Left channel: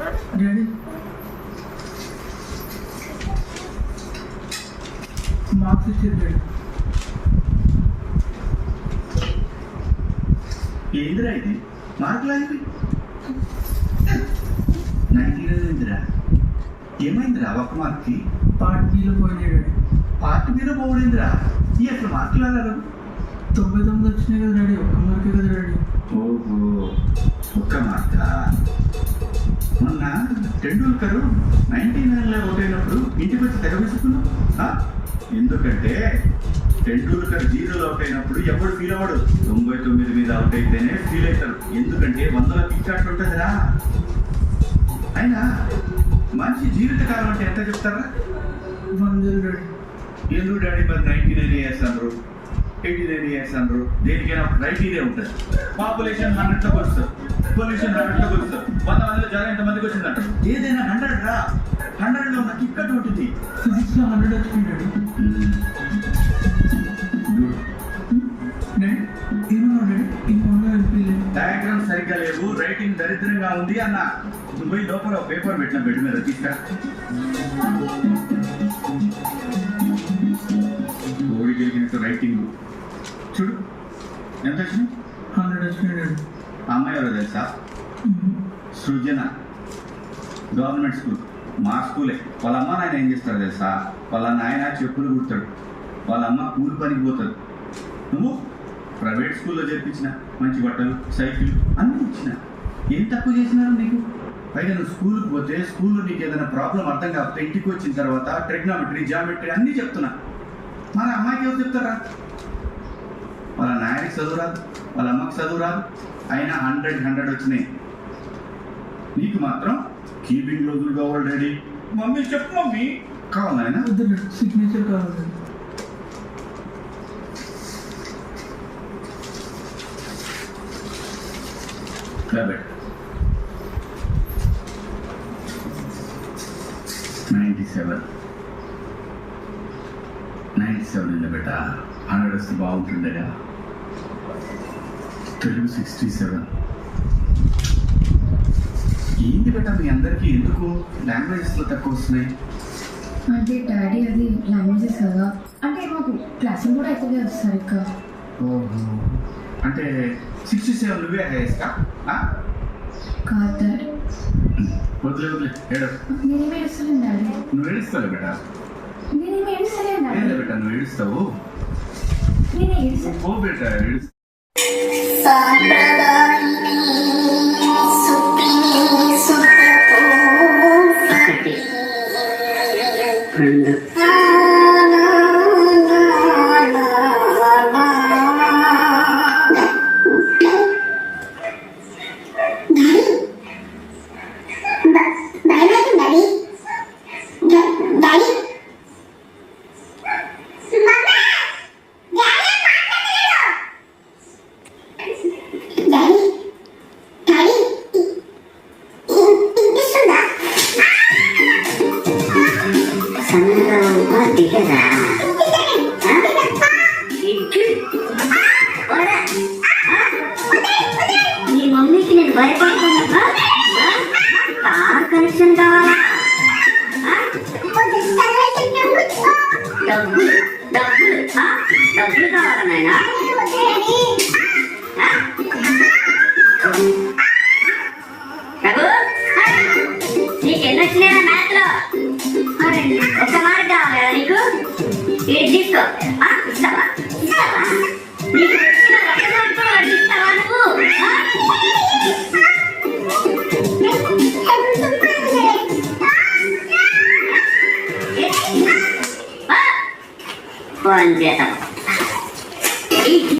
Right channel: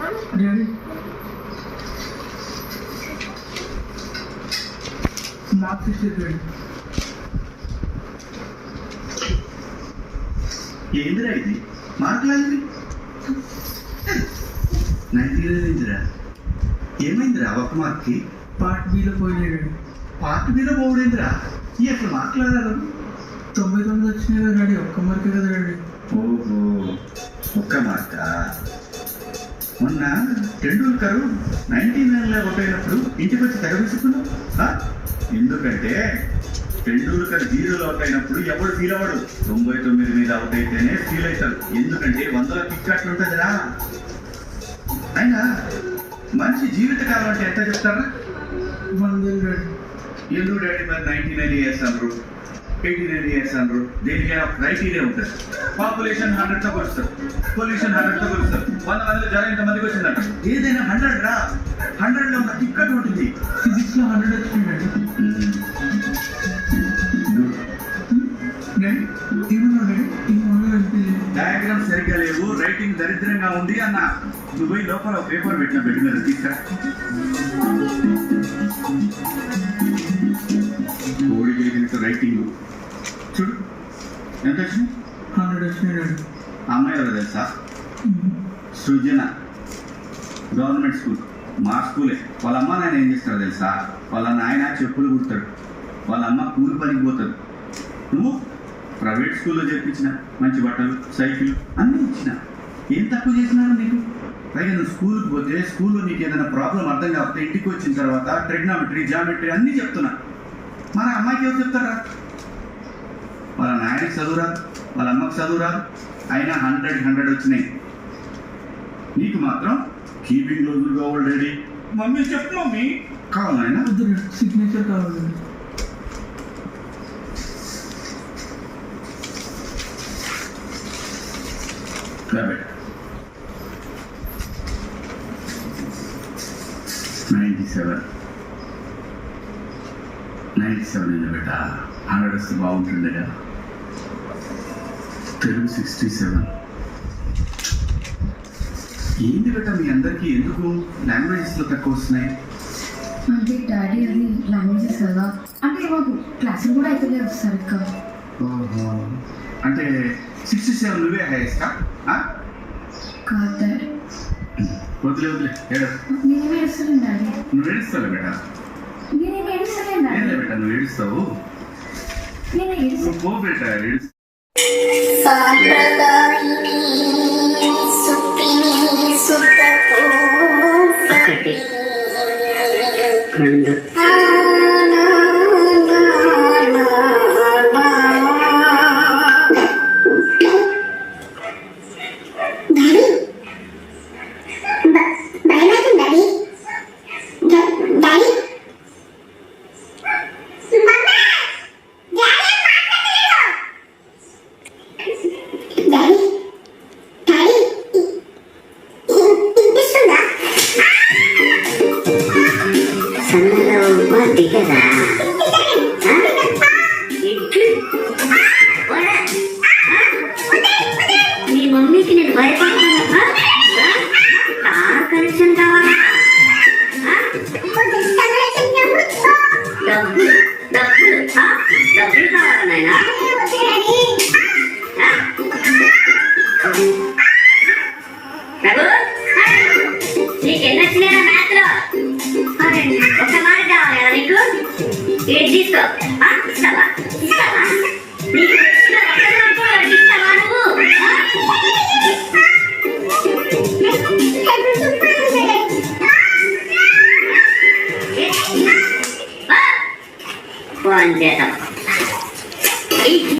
Daddy marks ఇచ్చేది daddy. ఏందిరా ఇది మార్కులా ఇది 99 ఏమైందిరా ఒక్క మార్క్కి? పార్ట్ బీలో పోయినాయి డాడీ. పార్ట్ మీద పోవడేందిరా? ఈ అసలు మార్కులు రాదు. 99 వచ్చినాయి కదా డాడీ, ఒక్క మార్కే కదా డాడీ. ఓహో ఒక్క మార్కా? మొన్న టెండూల్కర్ 99లో అవుట్ అయినప్పుడు ఇంటికి వచ్చి తెగ విసుకున్నావు. ఎందుకంటే టెండూల్కర్ 0లో అవుట్ అయినప్పుడు ఎవడు ఫీల్ అవ్వడు, 99 మీద అవుట్ అయితేనే ఫీల్ అవుతారు. ఎందుకంటే 100లో పిచ్చాట్లు ఉంటుందిరా. అయినా మంచి జీవితకాలం అంటే ఎంత చెప్తారా? 100 డాడీ. ఎందుకు డాడీ మరి 99 ఇయర్స్ అనరు, 89 ఇయర్స్ అనరు? దేనికైనా క్రైటీరియా ఉంటుంది. పాపులేషన్ 100తో కొలుస్తారు, పొల్యూషన్ 100తో కొలుస్తారు. 100 మందిలో జ్వరం ఎంతమందికి వచ్చిందంట? ఏదైనా 100 రా. 100లో ఉన్న టిక్కట్ ఉంటుంది. ఫిజిక్స్లో 100 వచ్చినాయి డాడీ. డాడీ ఏమన్నా డాడీ? ఇంకొన్న అనిపించలేదు. డయాగ్రామ్ సరిగ్గా లేవు, రైటింగ్ దరిద్రంగా ఉంది అన్న. నువ్వు పోయి లోపల పేపర్ పెట్టిన బెడ్ మీద తీసుకురా. కోడి గెలిగినట్టు రైటింగ్ చూడు ఎంత వచ్చింది? 100 వచ్చినాయి డాడీ. అమ్మాయి ఎవరో తెలుసా? సృజన. గవర్నమెంట్ స్కూల్, మా స్కూలే. వాళ్ళ అమ్మ నాయన ఏం చేస్తారో తెలుసా? వాళ్ళ నాయన చెప్పులు కుడతాడు, వాళ్ళ అమ్మ కూలి పనికి పోతాడు. నువ్వు ప్రైవేట్ స్కూల్లో చేర్పించిన మంచి బట్టలు, సైకిల్ అన్నీ ఇచ్చిన. ఏం తక్కువ చేసినారు నీకు? పైగా నువ్వు స్కూల్కి పోతే స్కూల్లో నీకు ఏదైనా ప్రాబ్లం అర్థం కాకపోతే ఇంటికి వచ్చిన తర్వాత ట్రిగ్నామెట్రీ, జామెట్రీ అన్నీ చెప్తున్నా. మన అమ్మాయికి ఎవరు చెప్తారా? వాళ్ళ నాయనకి చదువు రాదు, వాళ్ళ అమ్మకి చదువు రాదు, అయినా 100 వచ్చినాయి. నీకు మాత్రం కీపింగ్ రోజులు కావాలి డాడీ. మమ్మీ చెప్పు మమ్మీ. కావాలైనా వద్దు డాడీ, సిగ్నేచర్ కావాలి. Rabbit. 97 ఉంది బెట. 100 వస్తే బాగుంటుండేగా. తెలుగు 67. ఏంది బెట మీ అందరికీ ఎందుకు లాంగ్వేజెస్లో తక్కువ వస్తున్నాయి? అంటే డాడీ అది లాంగ్వేజెస్ కదా, అంటే మాకు క్లాసులు కూడా అయిపోలేదు సరిగ్గా. ఓహో, అంటే 67 నువ్వే హైయెస్టా? కాదు డాడీ. వదిలే ఏడు. నేనేమి ఏడుస్తలేను డాడీ. నువ్వు ఏడుస్తావు బెట. నేనేమి ఏడుస్తలేను ఏం డాడీ. బెట నువ్వు ఏడుస్తావు? నేను ఏడుస్తా. నువ్వు పో బెట ఏడుస్తావు. ఒకటి రెండు సన్నగా దిగరా నీ మమ్మీకి నేను భయపడతాను. కార్ కనెక్షన్ కావాలి, డబ్బులు కావాలా నాయనా? నీకు ఎన్ని వచ్చినాయా మ్యాథ్ లో? ఒక మార్క్ కావాలి కదా నీకు? ఏది తీసుకో. ఇస్తావా? ఇస్తావా? నీకు ఒక మార్క్ కూడా ఇస్తావా నువ్వు? ఫోన్ చేద్దాం.